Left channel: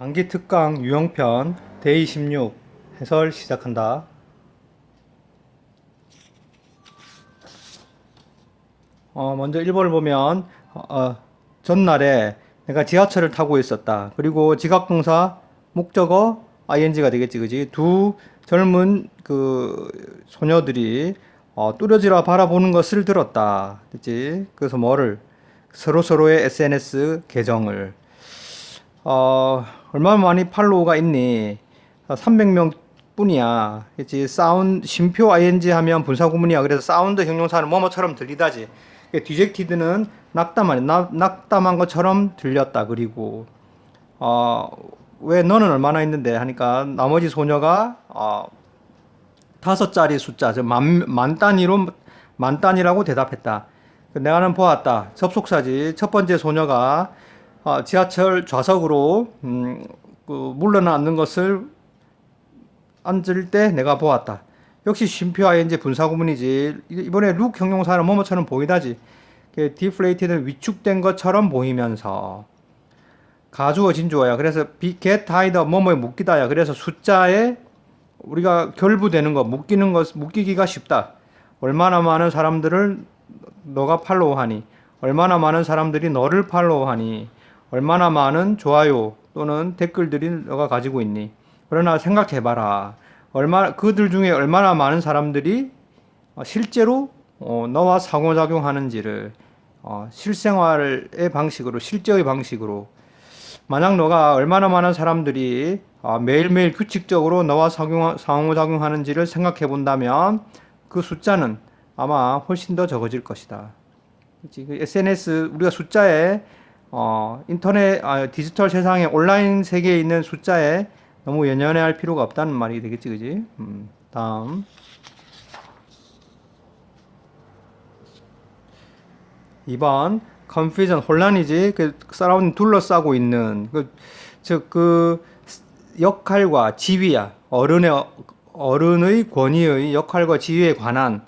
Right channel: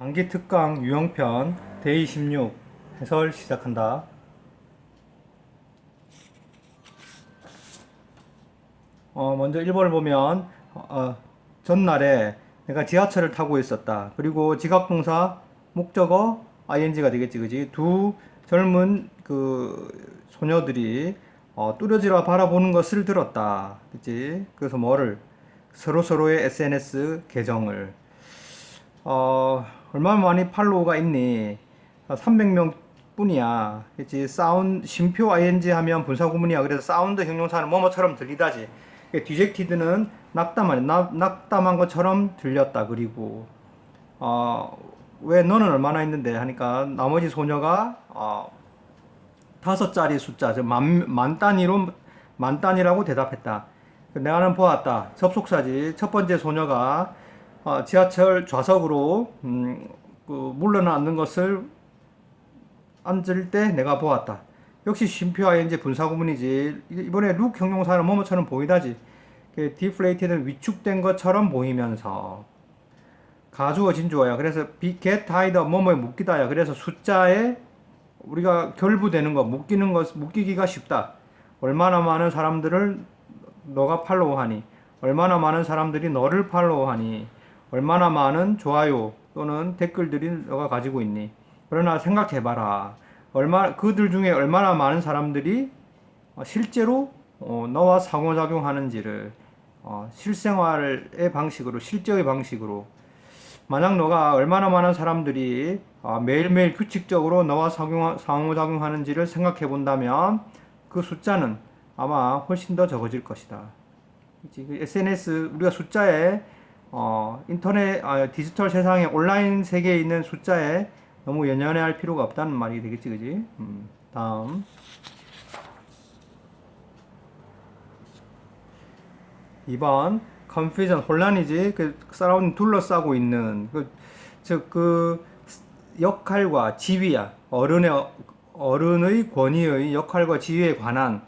단기 특강 유형편 데이 16 해설 시작한다. 먼저 1번을 보면 전날에 내가 지하철을 타고 있었다. 그리고 지각동사 목적어 ing가 되겠지, 그지? 두 젊은 그 소녀들이 뚜려지라 바라보는 것을 들었다. 그치? 그래서 뭐를 서로서로의 SNS 계정을 얼마나 많이 팔로우가 있니? 300명 뿐이야. 그치? 쉼표 ing 하면 분사구문이야. 그래서 사운드 형용사는 뭐뭐처럼 들리다지. 디젝티드는 낙담한 것처럼 들렸다. 그리고, 어, 왜 너는 얼마나 있는데? 하니까 나머지 소녀가, 5자리 숫자, 만 단위로, 만 단위라고 대답했다. 내가는 보았다. 접속사지. 첫 번째 소녀가 지하철 좌석으로 물러나는 것을 앉을 때 내가 보았다. 역시 쉼표 ing 분사구문이지. 이번에 룩 형용사는 뭐뭐처럼 보이다지. 디플레이티는 위축된 것처럼 보이면서 가주어 진주어야. 그래서 get tied up 뭐뭐에 묶이다야. 그래서 숫자에 우리가 결부되는 거, 묶이기가 쉽다. 얼마나 많은 사람들을 너가 팔로우하니, 얼마나 많은 사람들이 너를 팔로우하니, 얼마나 많은 좋아요 또는 댓글들이 너가 가지고 있니. 그러나 생각해봐라. 그들 중에 얼마나 많은 사람들이 실제로 너와 상호작용하는지를 실생활의 방식으로, 실제의 방식으로. 만약 너가 얼마나 많은 사람들이 매일매일 규칙적으로 너와 상호작용하는지를 생각해 본다면 그 숫자는 아마 훨씬 더 적어질 것이다. 그 SNS, 우리가 숫자에, 인터넷, 디지털 세상에 온라인 세계에 있는 숫자에 너무 연연해 할 필요가 없다는 말이 되겠지, 그지? 다음. 2번, confusion, 혼란이지. 사람은 둘러싸고 있는, 역할과 지위야. 어른의 권위의 역할과 지위에 관한,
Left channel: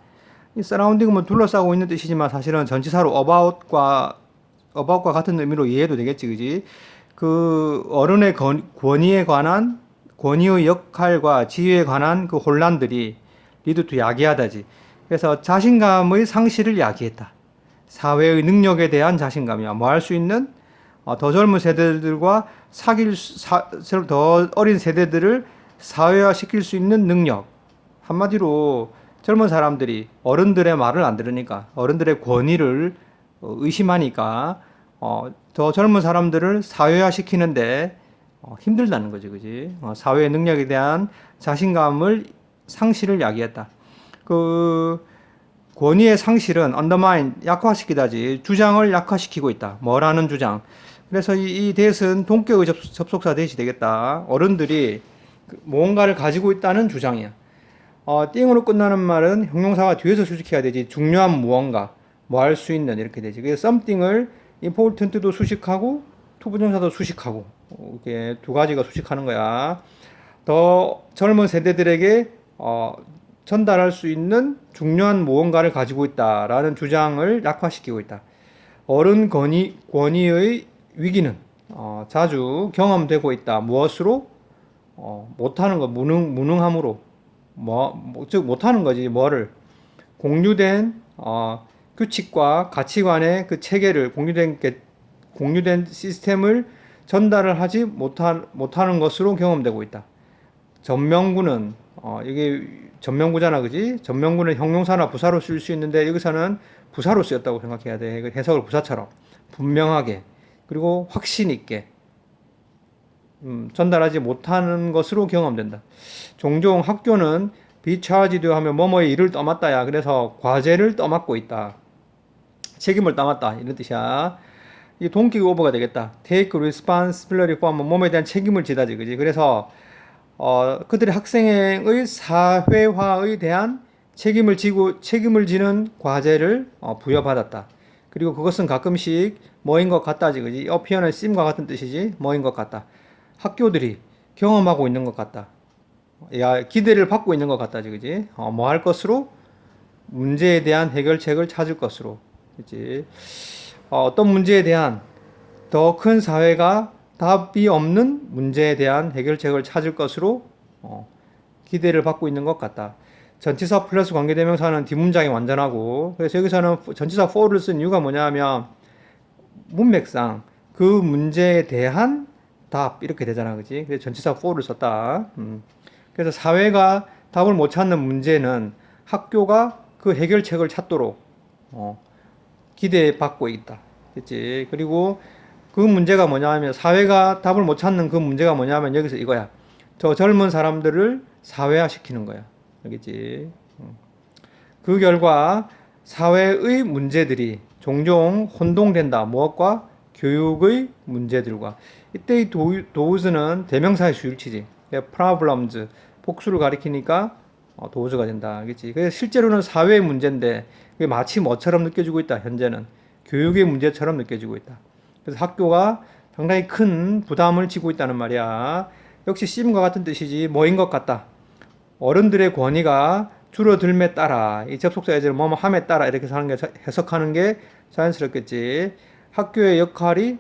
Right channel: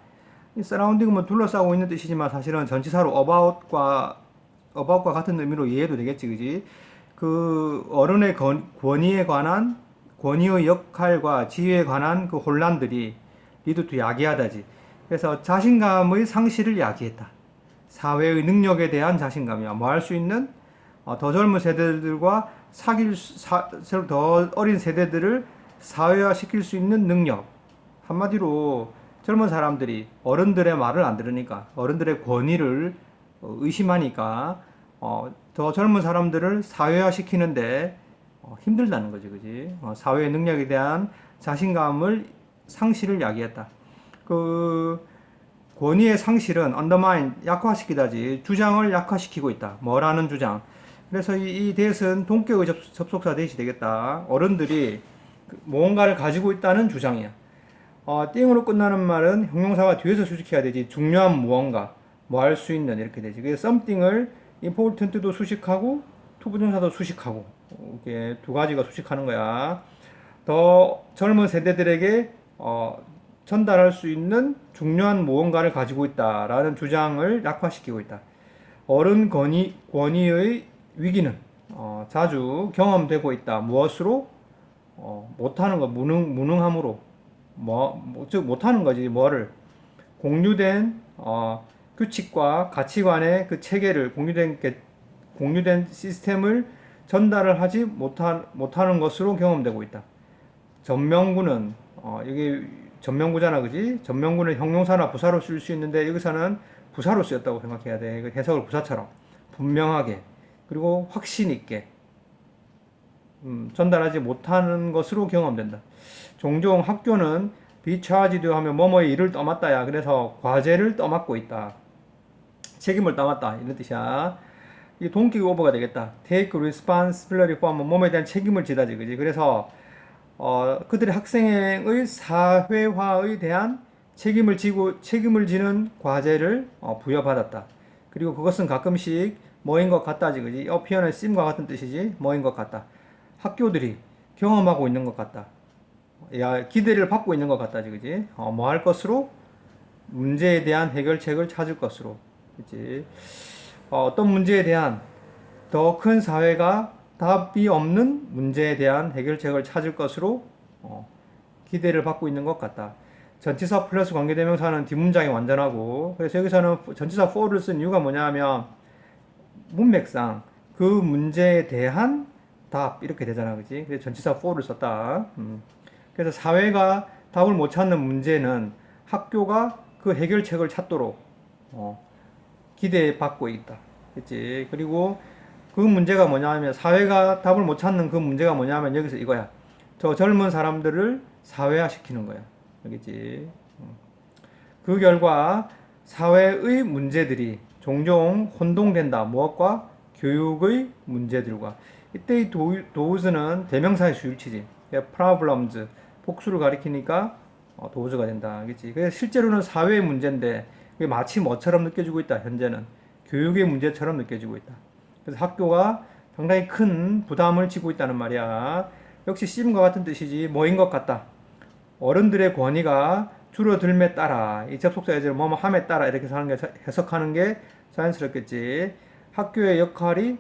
이 서라운딩은 뭐 둘러싸고 있는 뜻이지만 사실은 전치사로 about과 같은 의미로 이해해도 되겠지, 그지? 그 어른의 권위에 관한, 권위의 역할과 지위에 관한 그 혼란들이 리드 투 야기하다지. 그래서 자신감의 상실을 야기했다. 사회의 능력에 대한 자신감이야. 뭐 할 수 있는 더 젊은 세대들과 더 어린 세대들을 사회화 시킬 수 있는 능력. 한마디로 젊은 사람들이 어른들의 말을 안 들으니까, 어른들의 권위를 의심하니까 더 젊은 사람들을 사회화 시키는데 힘들다는 거지, 그지? 사회의 능력에 대한 자신감을 상실을 야기했다. 그 권위의 상실은 undermine, 약화시키다지. 주장을 약화시키고 있다. 뭐라는 주장. 그래서 이 대은 동격의 접속사 대시 되겠다. 어른들이 무언가를 가지고 있다는 주장이야. 띵으로 끝나는 말은 형용사가 뒤에서 수식해야 되지. 중요한 무언가, 뭐 할 수 있는 이렇게 되지. 그래서 something을 important도 수식하고 투부정사도 수식하고 이렇게 두 가지가 수식하는 거야. 더 젊은 세대들에게 전달할 수 있는 중요한 무언가를 가지고 있다라는 주장을 약화시키고 있다. 어른 권위의 위기는 자주 경험되고 있다. 무엇으로? 못하는 거, 무능함으로. 즉 못하는 거지. 뭐를? 공유된 규칙과 가치관의 그 체계를, 공유된 시스템을 전달을 하지 못하는 것으로 경험되고 있다. 전명구는 이게 전명구잖아, 그지? 전명구는 형용사나 부사로 쓸 수 있는데 여기서는 부사로 쓰였다고 생각해야 돼. 해석을 부사처럼 분명하게 그리고 확신 있게 전달하지 못하는 것으로 경험된다. 종종 학교는 비차지드 하면 뭐뭐의 일을 떠맡다야. 그래서 과제를 떠맡고 있다. 책임을 떠맡다 이런 뜻이야. 이 동격 오버가 되겠다. Take responsibility for 몸에 대한 책임을 지다지, 그지? 그래서 그들의 학생의 사회화에 대한 책임을 지는 과제를 부여받았다. 그리고 그것은 가끔씩 뭐인 것 같다지, 그지? appear는 seem과 같은 뜻이지. 뭐인 것 같다. 학교들이 경험하고 있는 것 같다. 기대를 받고 있는 것 같다지, 그지? 뭐 할 것으로? 문제에 대한 해결책을 찾을 것으로. 그지? 어떤 문제에 대한 더 큰 사회가 답이 없는 문제에 대한 해결책을 찾을 것으로 기대를 받고 있는 것 같다. 전치사 플러스 관계대명사는 뒷문장이 완전하고, 그래서 여기서는 전치사 for를 쓴 이유가 뭐냐면 문맥상 그 문제에 대한 답 이렇게 되잖아, 그지? 그래서 전치사 for를 썼다. 그래서 사회가 답을 못 찾는 문제는 학교가 그 해결책을 찾도록 기대받고 있다. 그치? 그리고 그 문제가 뭐냐면 사회가 답을 못 찾는 그 문제가 뭐냐면 여기서 이거야. 저 젊은 사람들을 사회화시키는 거야. 알겠지? 그 결과 사회의 문제들이 종종 혼동된다. 무엇과? 교육의 문제들과. 이때 이 thouse는 대명사의 수일치지. problems, 복수를 가리키니까 thouse가 된다. 알겠지? 그래서 실제로는 사회의 문제인데 그게 마치 뭐처럼 느껴지고 있다. 현재는 교육의 문제처럼 느껴지고 있다. 그래서 학교가 상당히 큰 부담을 지고 있다는 말이야. 역시 씀과 같은 뜻이지 뭐인 것 같다. 어른들의 권위가 줄어들매 따라 이 접속사 예제를 뭐뭐 함에 따라 이렇게 해석하는 게 자연스럽겠지. 학교의 역할이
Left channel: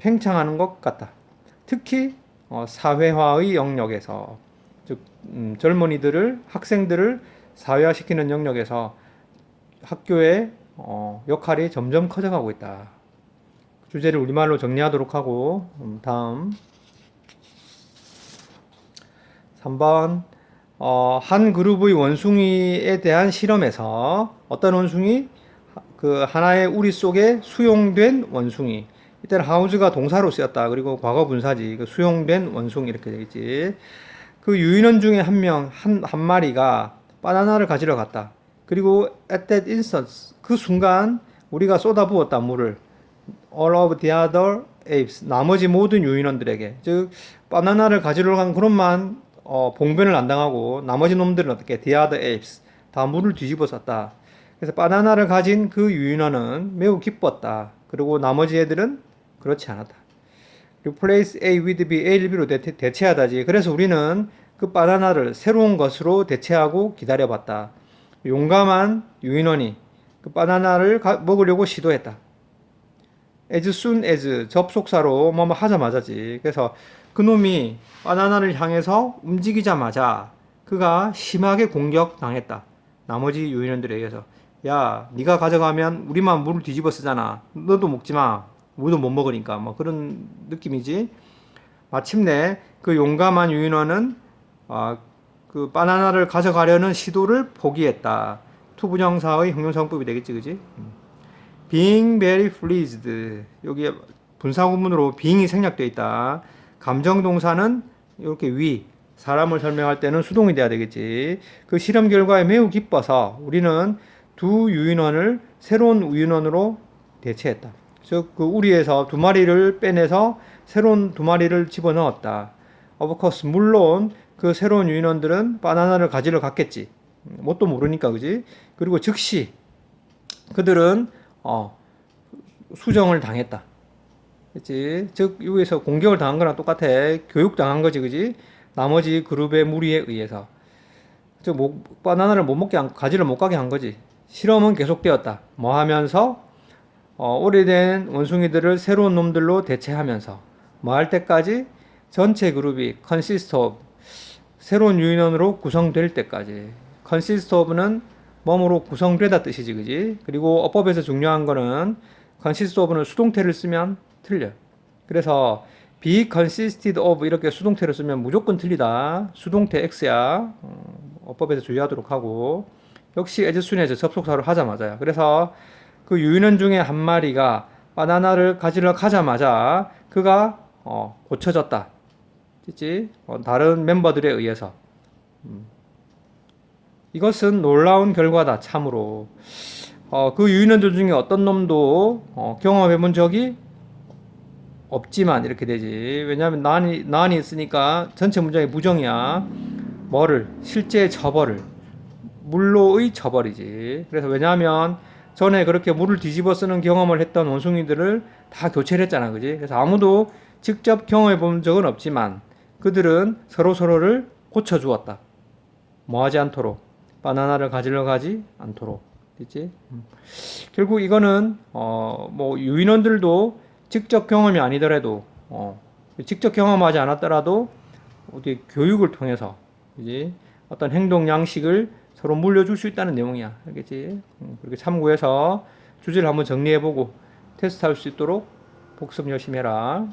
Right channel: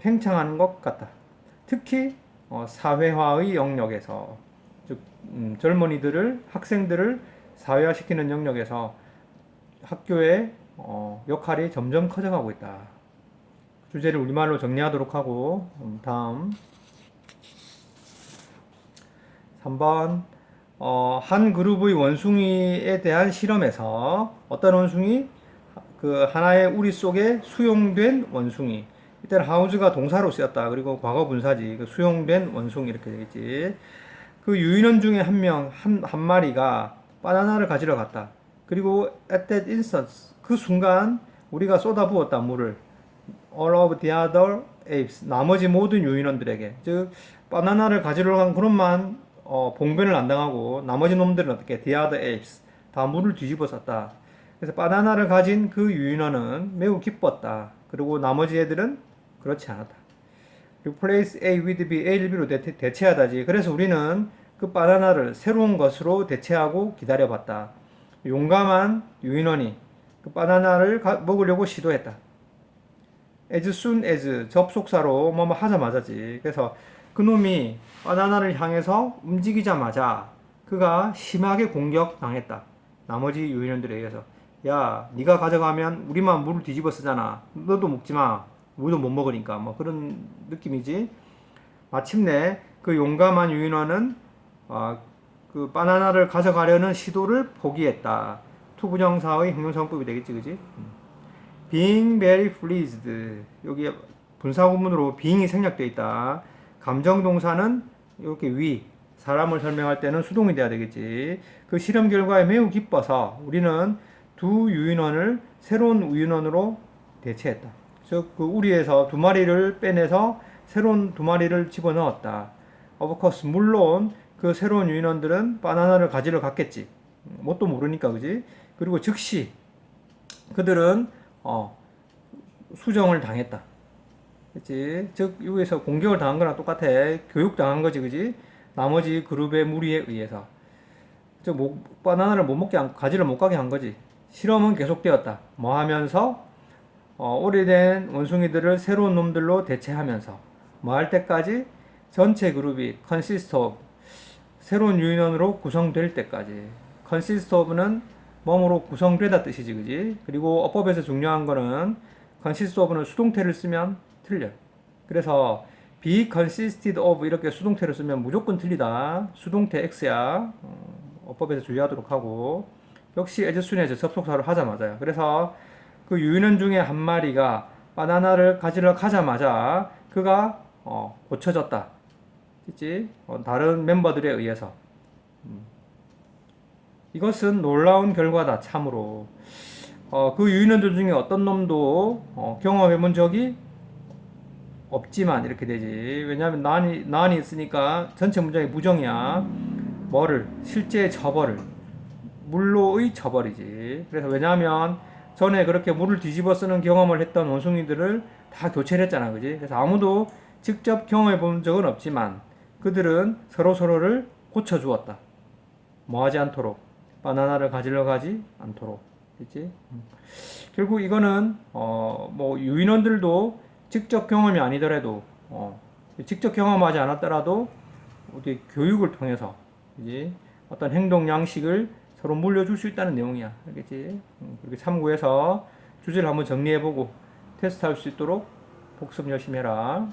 팽창하는 것 같다. 특히 사회화의 영역에서 즉 젊은이들을 학생들을 사회화시키는 영역에서 학교의 역할이 점점 커져가고 있다. 주제를 우리말로 정리하도록 하고 다음 3번 한 그룹의 원숭이에 대한 실험에서 어떤 원숭이? 그 하나의 우리 속에 수용된 원숭이. 이때는 하우즈가 동사로 쓰였다. 그리고 과거 분사지. 그 수용된 원숭이 이렇게 되겠지. 그 유인원 중에 한 마리가 바나나를 가지러 갔다. 그리고 at that instant 그 순간 우리가 쏟아부었다 물을 all of the other apes 나머지 모든 유인원들에게 즉 바나나를 가지러 간 그룹만 봉변을 안 당하고 나머지 놈들은 어떻게 the other apes 다 물을 뒤집어 썼다. 그래서 바나나를 가진 그 유인원은 매우 기뻤다. 그리고 나머지 애들은 그렇지 않았다. replace A with B, A를 B로 대체하다지. 그래서 우리는 그 바나나를 새로운 것으로 대체하고 기다려봤다. 용감한 유인원이 그 바나나를 먹으려고 시도했다. as soon as 접속사로 뭐뭐 하자마자지. 그래서 그놈이 바나나를 향해서 움직이자마자 그가 심하게 공격당했다. 나머지 유인원들에 의해서. 야, 네가 가져가면 우리만 물을 뒤집어 쓰잖아. 너도 먹지 마. 우리도 못 먹으니까. 뭐 그런 느낌이지. 마침내 그 용감한 유인원은 그 바나나를 가져가려는 시도를 포기했다. 투부정사의 형용사용법이 되겠지, 그지? being very pleased. 여기 분사구문으로 being이 생략되어 있다. 감정동사는 이렇게 사람을 설명할 때는 수동이 돼야 되겠지. 그 실험 결과에 매우 기뻐서 우리는 두 유인원을 새로운 유인원으로 대체했다. 즉, 그 우리에서 두 마리를 빼내서 새로운 두 마리를 집어넣었다. Of course, 물론 그 새로운 유인원들은 바나나를 가지러 갔겠지. 뭣도 모르니까, 그지? 그리고 즉시 그들은 수정을 당했다. 그치? 즉, 여기서 공격을 당한 거랑 똑같아. 교육당한 거지, 그지? 나머지 그룹의 무리에 의해서. 즉, 바나나를 가지를 못 가게 한 거지. 실험은 계속되었다. 뭐 하면서? 오래된 원숭이들을 새로운 놈들로 대체하면서. 뭐 할 때까지? 전체 그룹이 consist of, 새로운 유인원으로 구성될 때까지. consist of는 몸으로 구성되다 뜻이지, 그지? 그리고 어법에서 중요한 거는 consist of는 수동태를 쓰면 틀려. 그래서 be consisted of 이렇게 수동태를 쓰면 무조건 틀리다. 수동태 X야. 어법에서 주의하도록 하고. 역시 as soon에서 접속사를 하자마자야. 그래서 그 유인원 중에 한 마리가 바나나를 가지러 가자마자 그가 고쳐졌다. 그치? 다른 멤버들에 의해서. 이것은 놀라운 결과다. 참으로. 그 유인원들 중에 어떤 놈도 경험해 본 적이 없지만 이렇게 되지. 왜냐하면 난이 있으니까 전체 문장이 부정이야. 뭐를? 실제 처벌을. 물로의 처벌이지. 그래서 왜냐하면 전에 그렇게 물을 뒤집어 쓰는 경험을 했던 원숭이들을 다 교체를 했잖아. 그지? 그래서 아무도 직접 경험해 본 적은 없지만 그들은 서로를 고쳐주었다. 뭐 하지 않도록. 바나나를 가지러 가지 않도록. 그치? 결국 이거는 뭐 유인원들도 직접 경험이 아니더라도 직접 경험하지 않았더라도 어디 교육을 통해서 이제 어떤 행동 양식을 서로 물려줄 수 있다는 내용이야. 알겠지? 그렇게 참고해서 주제를 한번 정리해보고 테스트할 수 있도록 복습 열심히 해라.